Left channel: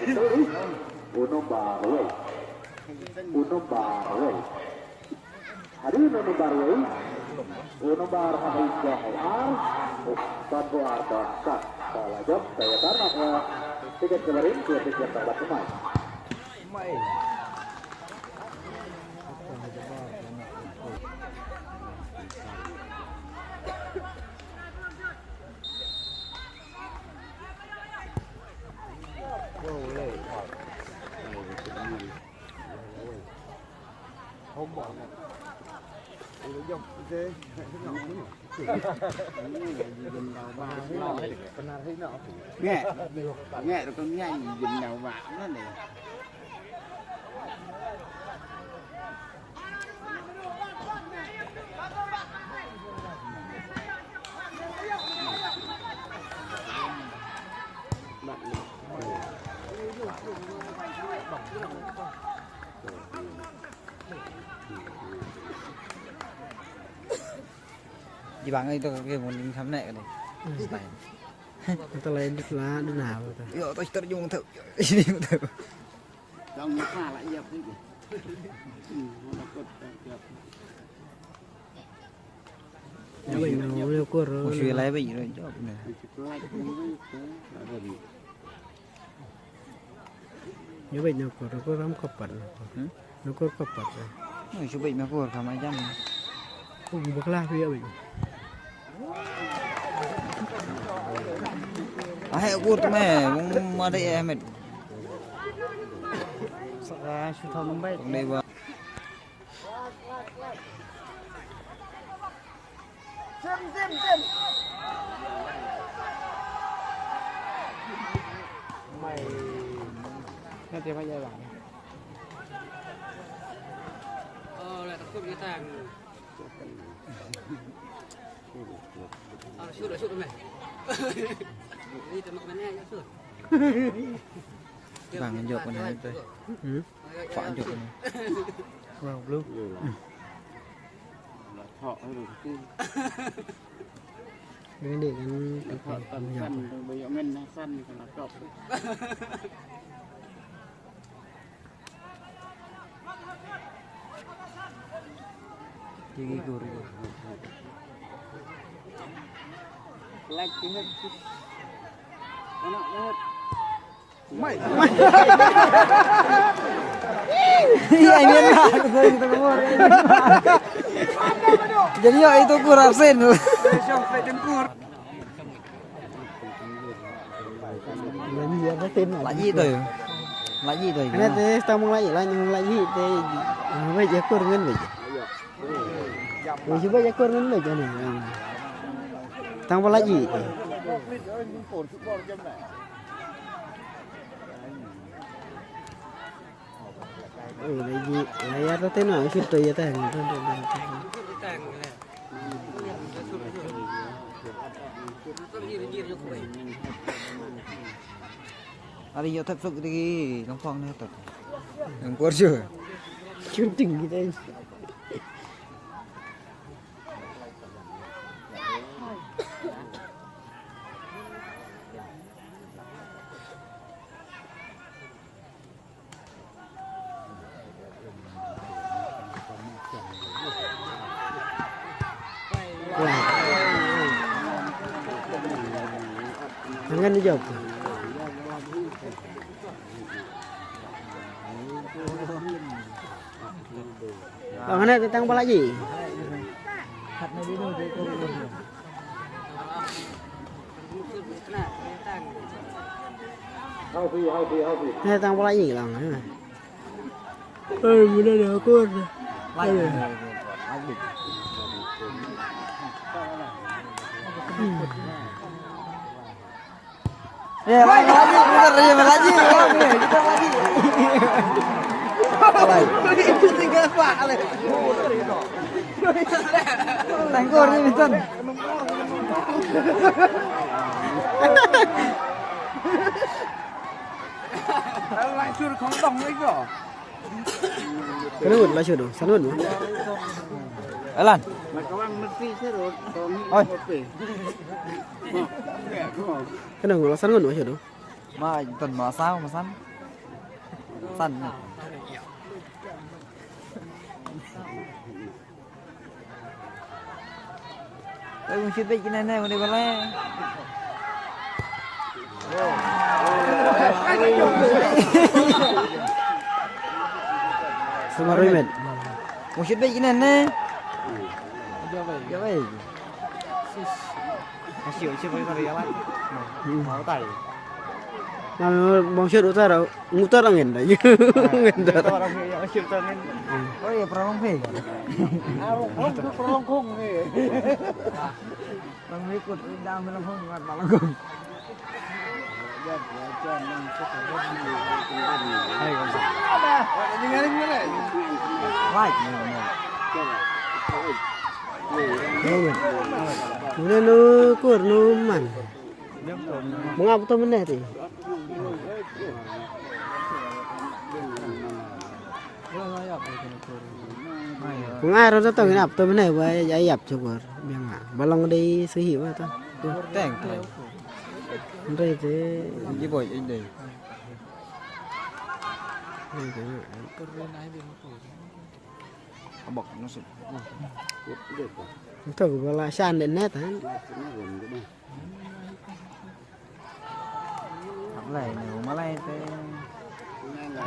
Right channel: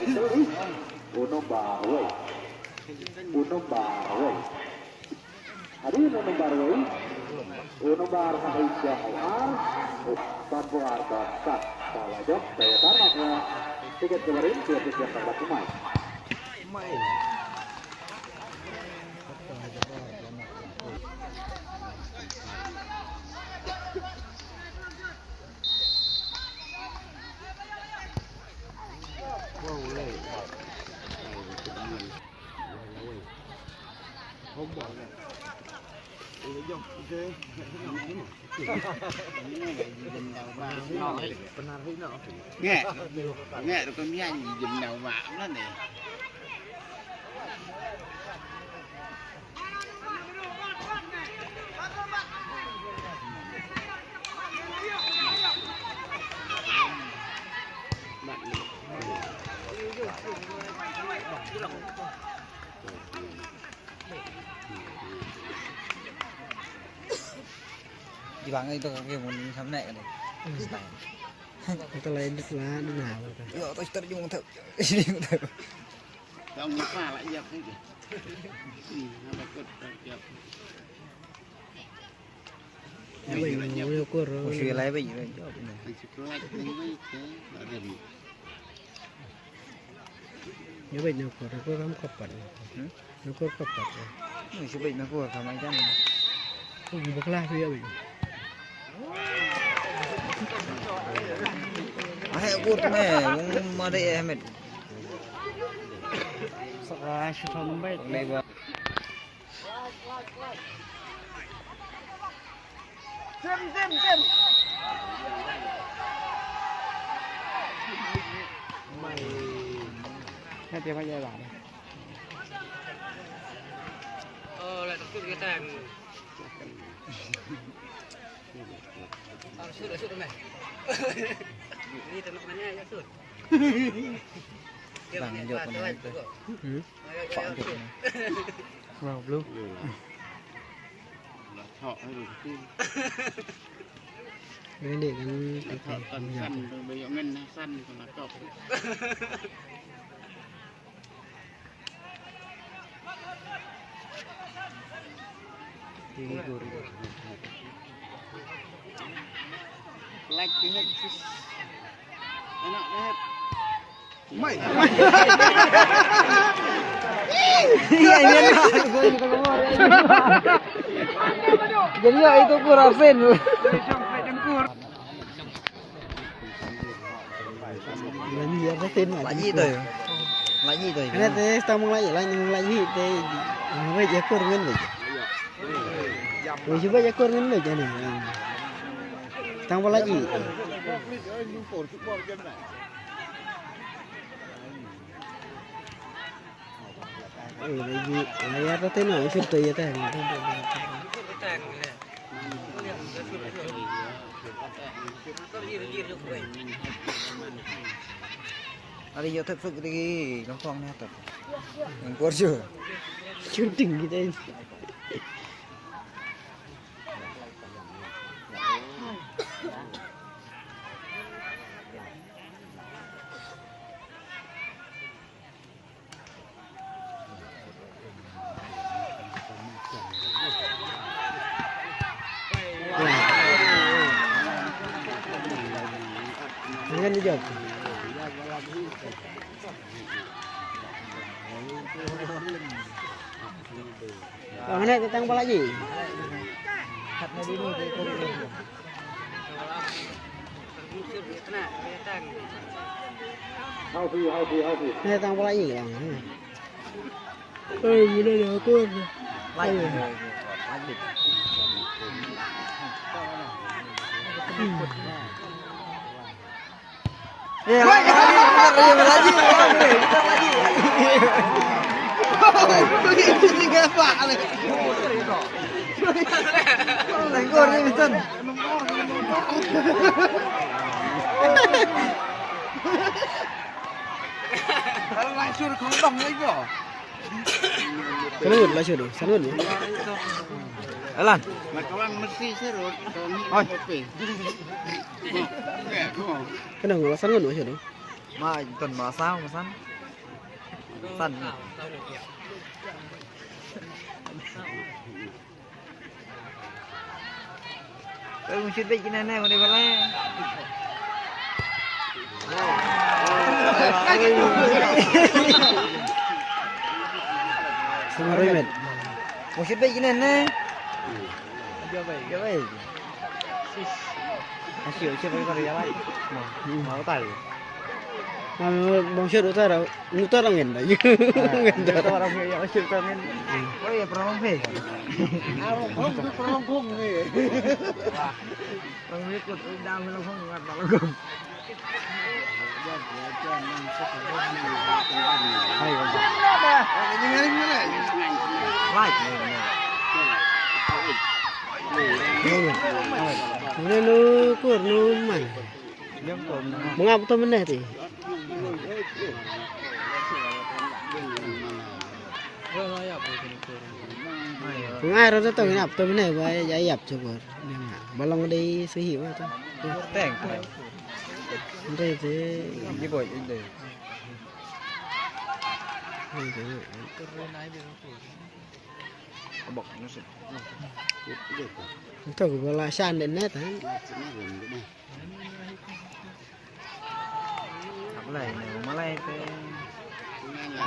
Uno baru, uno baru. Hari ini uno baru, uno baru Aisyah Al, Babu Abasa. Kalau jauh saya tanah tiket kemarin dua tiket pada pemain. Không bỏ này. Ủa dòng ghê. Nghe. Nghe được con nghe gì dùm nào vạm đó nè. Chị bạn ơi tôi có cái một thấm này này. Tao lấy đất lá đất nào rồi ta. Tôi dùng thử. Xong nó pha lại dập đấy kìa. Nó cột dập. Nó bị nó leo cua rồi. Suy lấy bị rồi. Anh chỉ có lại cái với cái đã rừng. Nó bị nó cua rồi có lắm cọp bẩn. Nó có cọp bẩn rồi. Người sẽ bị nó cua không anh chắc. Không bạc la phía bị. Hãy cút mẹ mà đây em mình. Sợ sẽ không biết. Đây vào. Nó chưa bao giờ làm. Lại cái cái tàng sửa này đi từ bên này sửa Rằng dọc này đây. Chọn dọc này. Vào luôn. Là thọ hay rồi chứ. Bên để cái Thọ tần săn bây giờ men săn còn là cọp. Like cái hết chứ. Nó hết. Mày. Jadi ya itu kurang sen. Bên gì nó tên mà. Là gì rồi? Là gì rồi? Anh ấy tao mong lại gì thế. Bây giờ cua ngân vậy. Bây giờ cua ngân vậy này. Tao mong lại gì? Lại gì? Lại nó tên là cái tùy thế này. Ada yo tak sok lagi, kau faham ni tak? Engkau je. Shooting gitu. Jangan dijawab. Mana tentang apa lagi? Tentang apa lagi bang? Mana ada aku? Ya, lagi. Alay. Tiga pak. Tengkor ni betul. Lại xuyên khó đồng lấy kìa. Cái nút là sửa sao nút? Alan. Mà các bạn mất đi chết rồi. Ôi. Cái nào là sao nút sửa? Mà tuần mà sao mà sao? Phần. Mình chưa biết cái này này mà đi vào đây. Sama Roymet. Mình chưa biết cái này này. Cái này. Masih chưa phải vào đây mà. Nó tải. Nah, bangsa utar đâu, ngutar ang ngenda. Ngenda. Orang yang kita kan. Oh ya pernah ngombe. Oh pernah ngombe. Ngombe ke dalam ngomong dalam ngomong. Ya belajar nang sekolah ni. Hai bangsa. Ini ngaring mana? Hai. Kemudian lu kur lu man. Mengapa tu mana tu? Ngai rồi tao nhập tôi này với giải nhập cho vợ nhưng mà balong đi suy hiểu tao Teng. đây thế Cái bội đây. Bọc nó sẽ. tôi cũng là san đến nét hả Này nó này thế.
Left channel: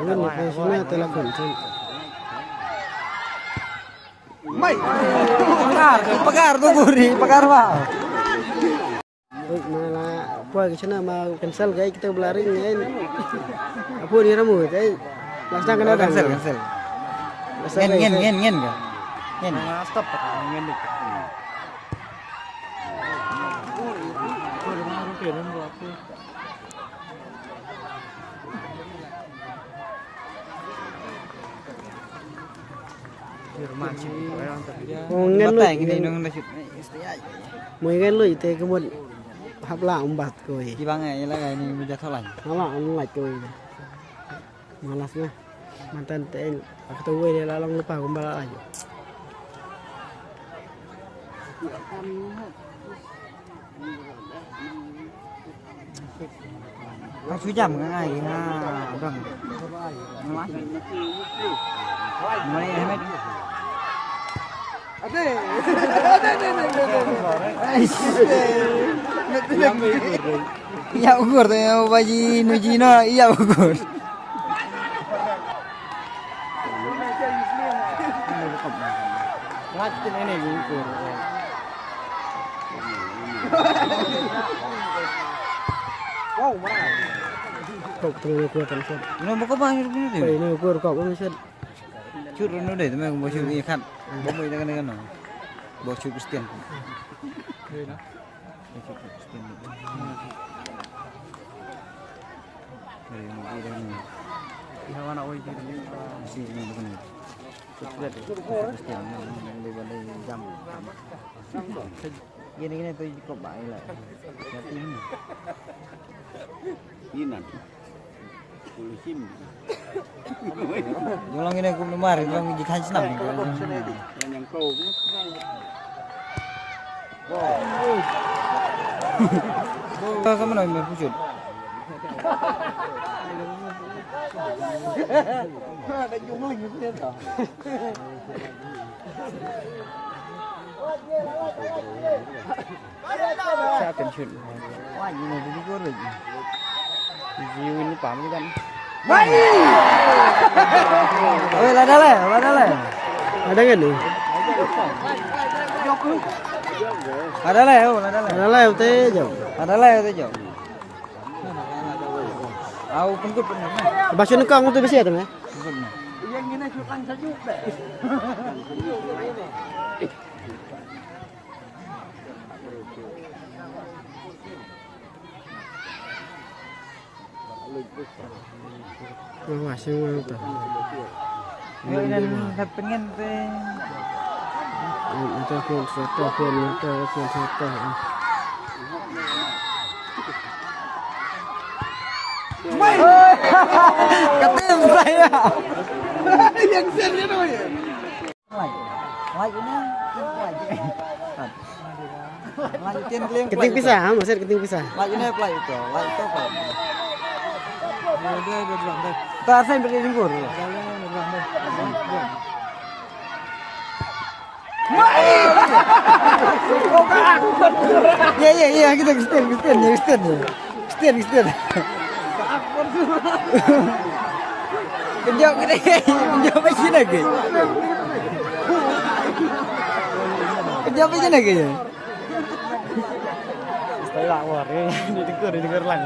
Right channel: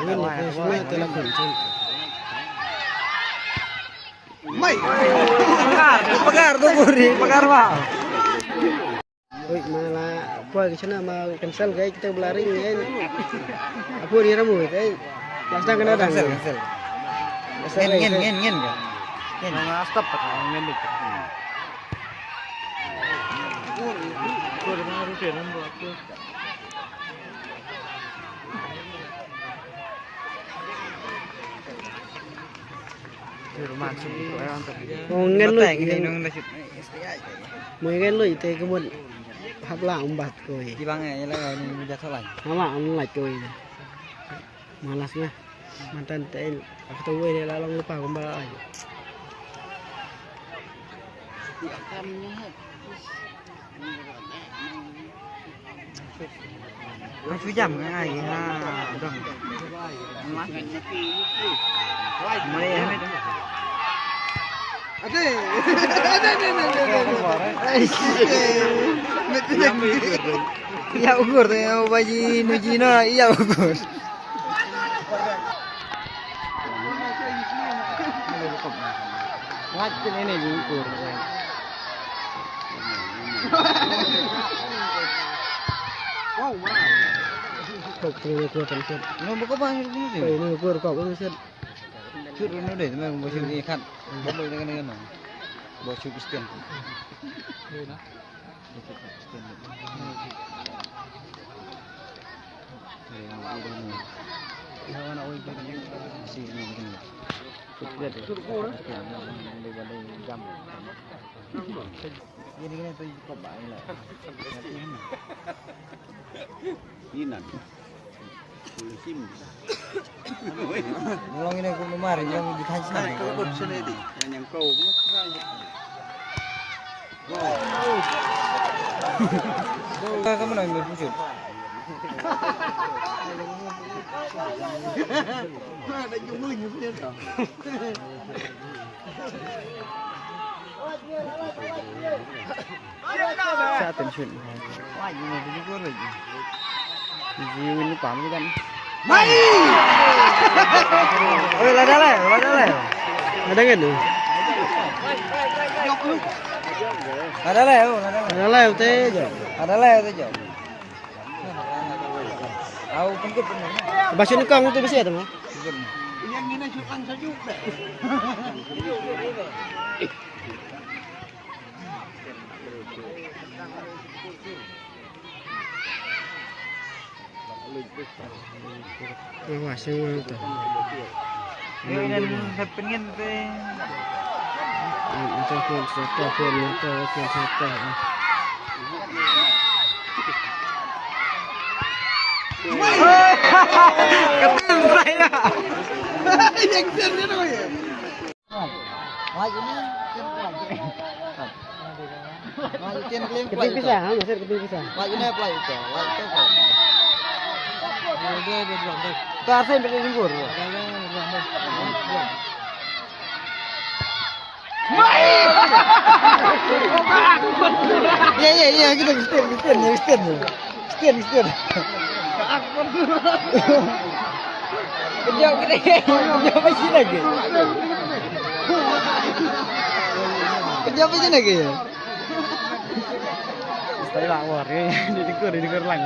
ini nih semua telepon cun Mai. Pakar tu guri, pakar pak. oi malah apa ke sana mau cancel guys kita berlari ni apa ni ramu teh langsung kena dah Cancel. Ngen. Ngen. Stop pak. Ngen dik. ngen lu mười ngen lu teh kebun hấp lạ bat koi Di bang ni lah ni mudah salah. malah on like koi malasnya mantan teh aku tahu dia lalang lupa kembali lagi Kau sujam kan lagi. Bang. Mari ya met. Iya ukur tu yang baji nujina iya ukur. waktu ini diukur cậu từ ukur tersebut Ini bukan banyak ni. phải ini ukur cậu cũng sẽ Cur nu deh, tapi bau cur ikan. Bau ikan kan. Bau cur Kristen. Hawa nak wajib ni si ni kan. Sukses. Jam. Gini tu kau baik lah. Ini nanti. Sim. Mulang ini aku kemarin yang di kaji sana. Yang kau pun. Kamu nak berpujuk? ada jumlahnya punya tak Sa attention. Wah, ini jadi korek. Ini lupa ni kan. Ada le. ada kan tu Ada le. ada lah teh jauh Ada le tu jauh. Aku pengkut pun. bahasa ni kau tu biasa tu kan Yang ini sukan sejuk deh. wah semua tu Ini pengen tu. itu pun satu Ketem saya. yang sini tu ya keting pisah maksud keting pisah Lagi ni apa itu? Lagi tu. Tak asin pakai jengkur. Ya kita Kristen. Kejap kita. Kejap macam lagi. Kejap macam lagi. Saya lah war didengar lang.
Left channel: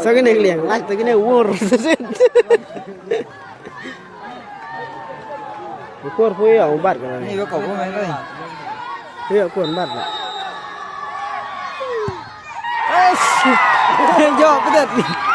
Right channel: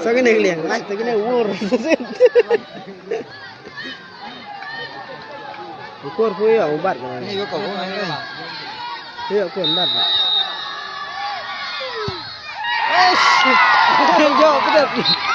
Sao cái này liền lách tới cái này war. Kuat pui ya ubat kan. Ini kau kan ni. Iya kuat ubat. Jauh betul.